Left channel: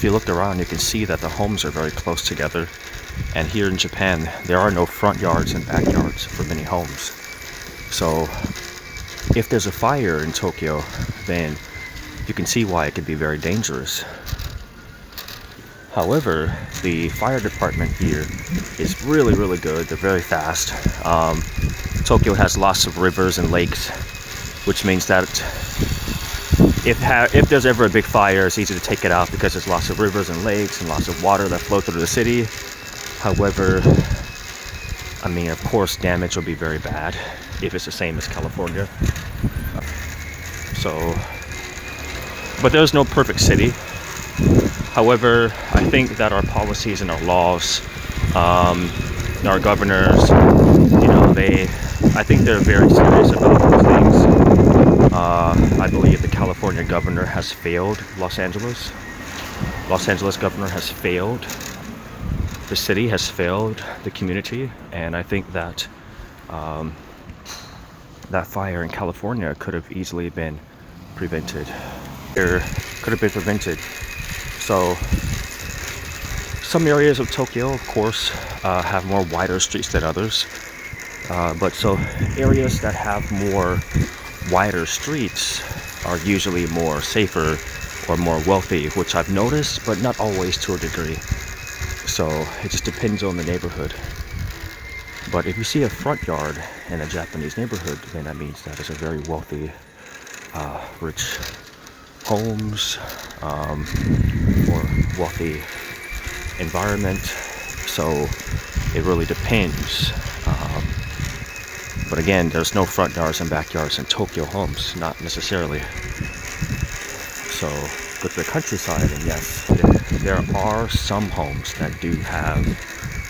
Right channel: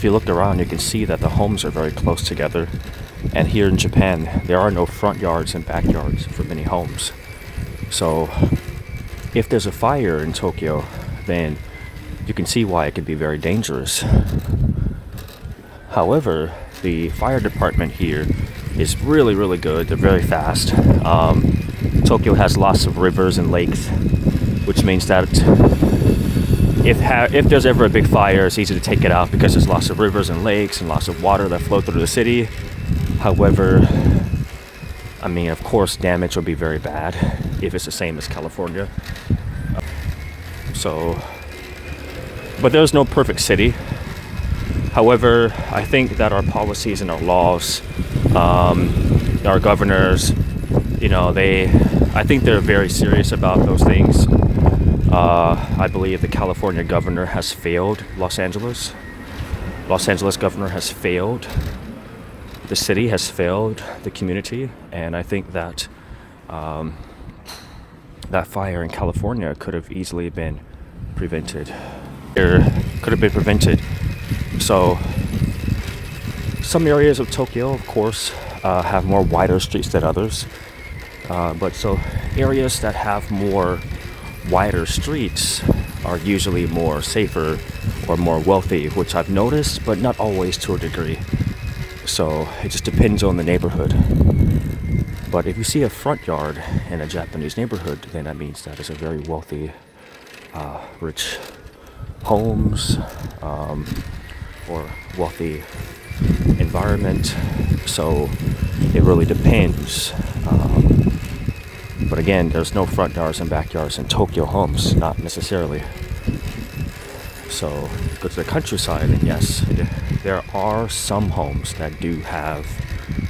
if you look around, you can see that the homes are very close together. And here in Japan, there are no front yards and backyards for many homes. So if there's a fire in Tokyo, then you can see why it could be very dangerous. However, the fire department here is really, really good. They're very fast. Tokyo has lots of rivers and lakes, which means that if there's ever a big fire, it's easy to take it out because there's lots of rivers and lakes and lots of water that flow through the city. However, I mean, of course, damage will be very bad if it's the same as California. So, but there's no perfect city. However, I think that our policies and our laws, our governors, I think they're very serious about those things. I believe the California governor has failed Los Angeles. Los Angeles governor has failed. The city has failed the community, and I think that that fire in California could have easily been prevented. So some areas of Tokyo, of course, have more wider streets than others. But so areas that have more wider streets are usually more safer or more wealthy, which I've noticed, but not always to a degree. So it just depends on the neighborhood. But if you see a front yard in a Japanese neighborhood, then that means that it's a very wealthy, rich homes, or wealthy environment. So it really depends. But again, there's no front yards and backyards in Tokyo homes, not necessarily. So go to the countryside, and yes, there are some homes that do have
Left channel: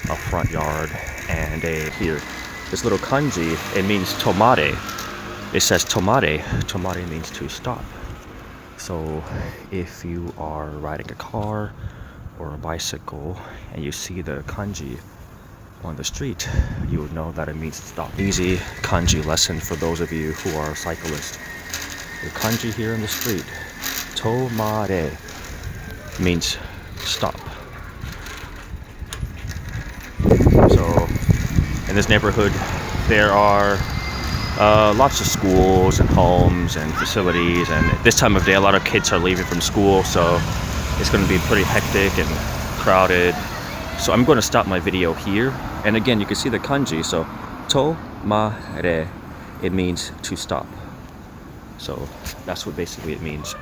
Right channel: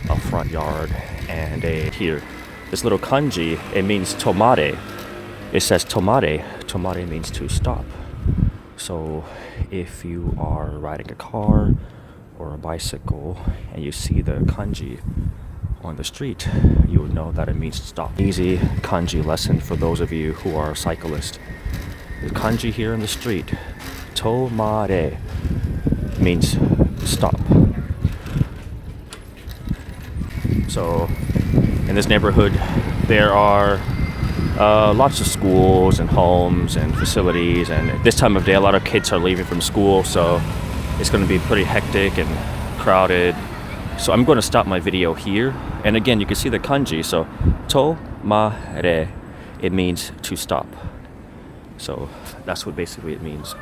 a front yard and here, this little kanji, it means tomare. It says tomare. Tomare means to stop. So if you are riding a car or a bicycle and you see the kanji on the street, you would know that it means stop. Easy kanji lesson for those of you who are cyclists. The kanji here in the street, tomare, means stop. So in this neighborhood there are lots of schools and homes and facilities, and this time of day a lot of kids are leaving from school, so it's going to be pretty hectic and crowded. So I'm going to stop my video here, and again you can see the kanji, so tomare, it means to stop. So that's what basically it means.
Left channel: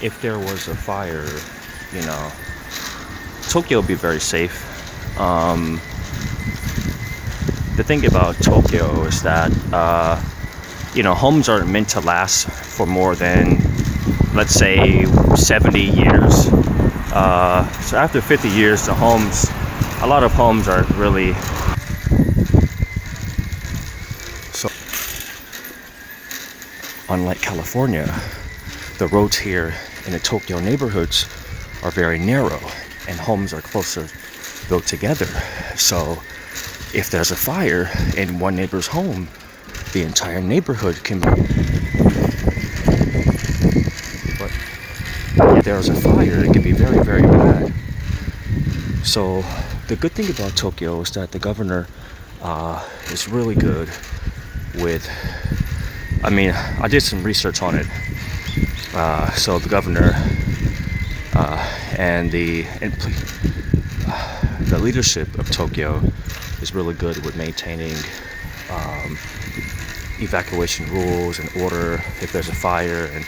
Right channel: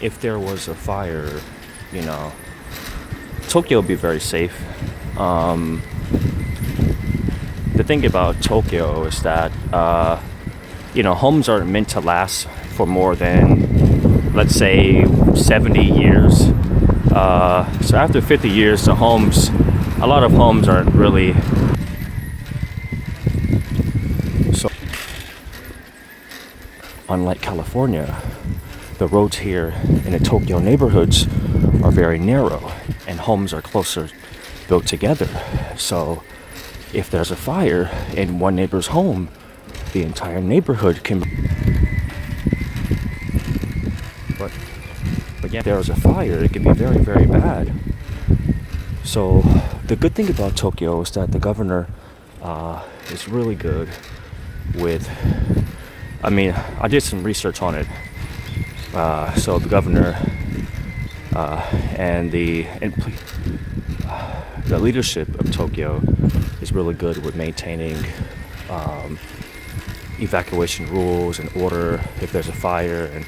If there was a fire, Tokyo would be very safe. The thing about Tokyo is that, homes aren't meant to last for more than, let's say, 70 years. So after 50 years, a lot of homes aren't really. So, unlike California, the roads here in the Tokyo neighborhoods are very narrow, and homes are closer built together. So if there's a fire in one neighbor's home, the entire neighborhood can. But if there's a fire, it can be very, very bad. So the good thing about Tokyo is that the governor is really good with. I did some research on it. So the governor and the leadership of Tokyo is really good with maintaining evacuation rules and order if there's a fire, and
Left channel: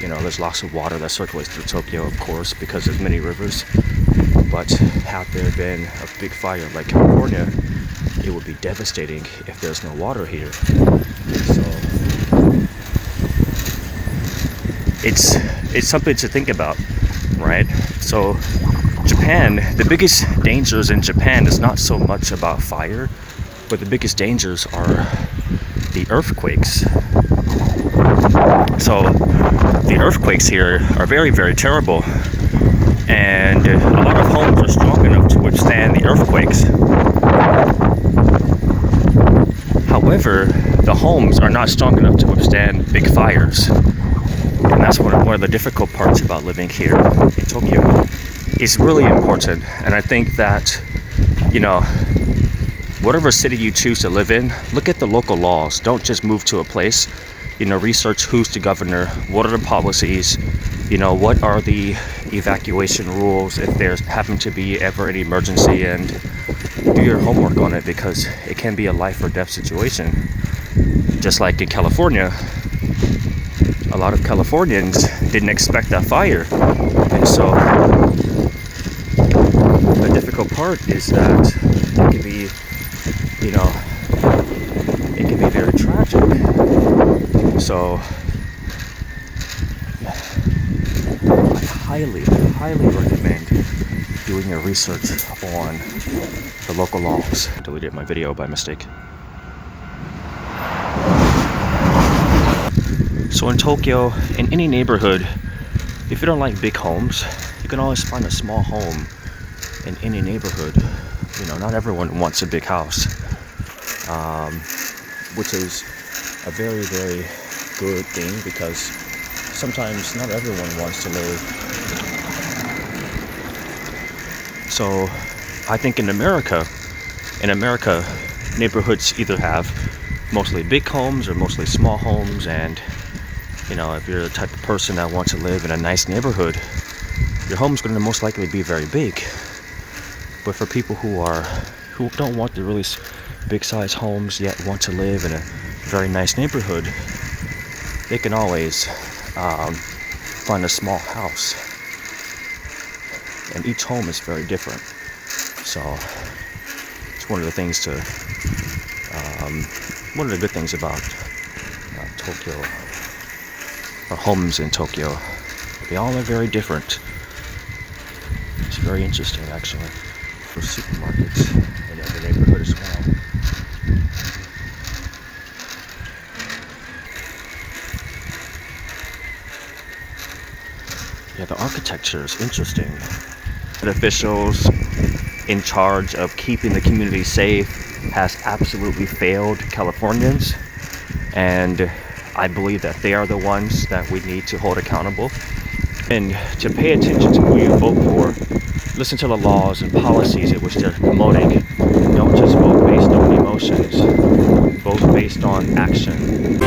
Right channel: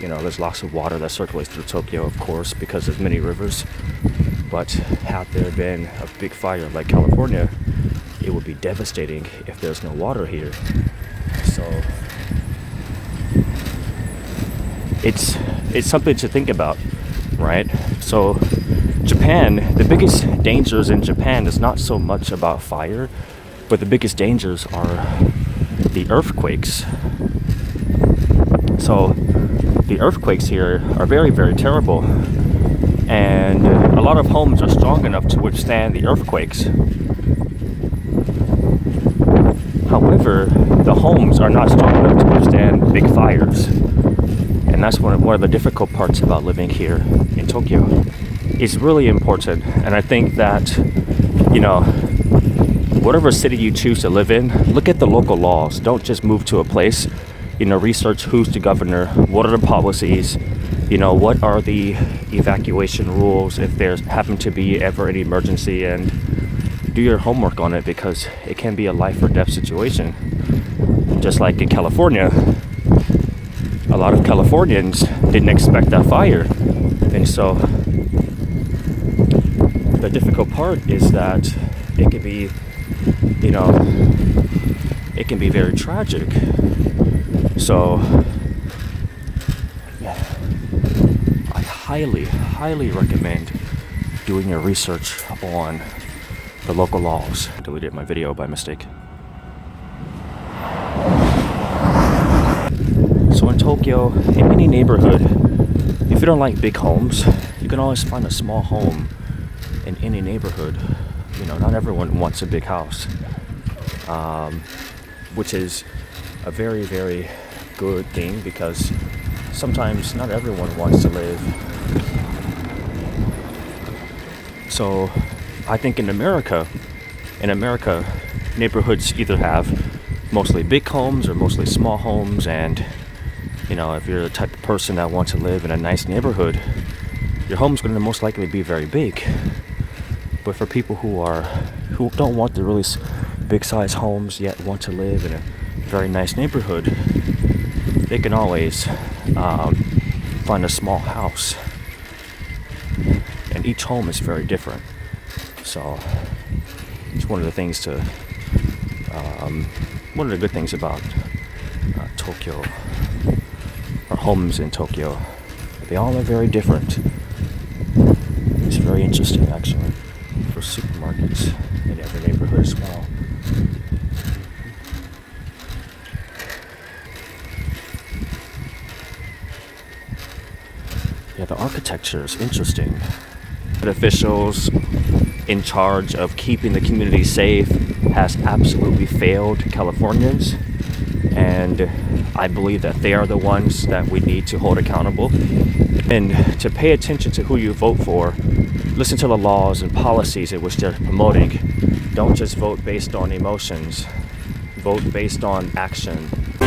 there's lots of water that circulates through Tokyo, of course, because there's many rivers. But had there been a big fire like California, it would be devastating if there's no water here. So it's something to think about, right? So Japan, the biggest dangers in Japan is not so much about fire, but the biggest dangers are the earthquakes. So the earthquakes here are very, very terrible, and a lot of homes are strong enough to withstand the earthquakes. However, the homes are not strong enough to withstand big fires. And that's one of the difficult parts about living here in Tokyo. It's really important, and I think that, you know, whatever city you choose to live in, look at the local laws. Don't just move to a place. Research who's the governor, what are the policies, what are the evacuation rules if there's happen to be ever an emergency, and do your homework on it, because it can be a life or death situation. Just like in California, a lot of Californians didn't expect that fire, and so the difficult part is that it can be, it can be very tragic. So, yeah, I highly recommend doing your research on the local laws. Deleted my video by mistake. So in Tokyo, in any neighborhood, if you don't like big homes, you can always find a small home in any neighborhood. Not everyone wants a big house, which is a very, very good thing, because sometimes not everyone wants to live. So I think in America, neighborhoods either have mostly big homes or mostly small homes, and if you're the type of person that wants to live in a nice neighborhood, your home's going to most likely be very big. But for people who don't want the really big size homes yet want to live in a very nice neighborhood, they can always find a small house. And each home is very different. So it's one of the things one of the good things about Tokyo, or homes in Tokyo. They all are very different. It's very interesting, actually, for supermarkets in every neighborhood as well. Yeah, the architecture is interesting. The officials in charge of keeping the community safe has absolutely failed Californians, and I believe that they are the ones that we need to hold accountable. And to pay attention to who you vote for, listen to the laws and policies in which they're promoting. Don't just vote based on emotions. Vote based on action.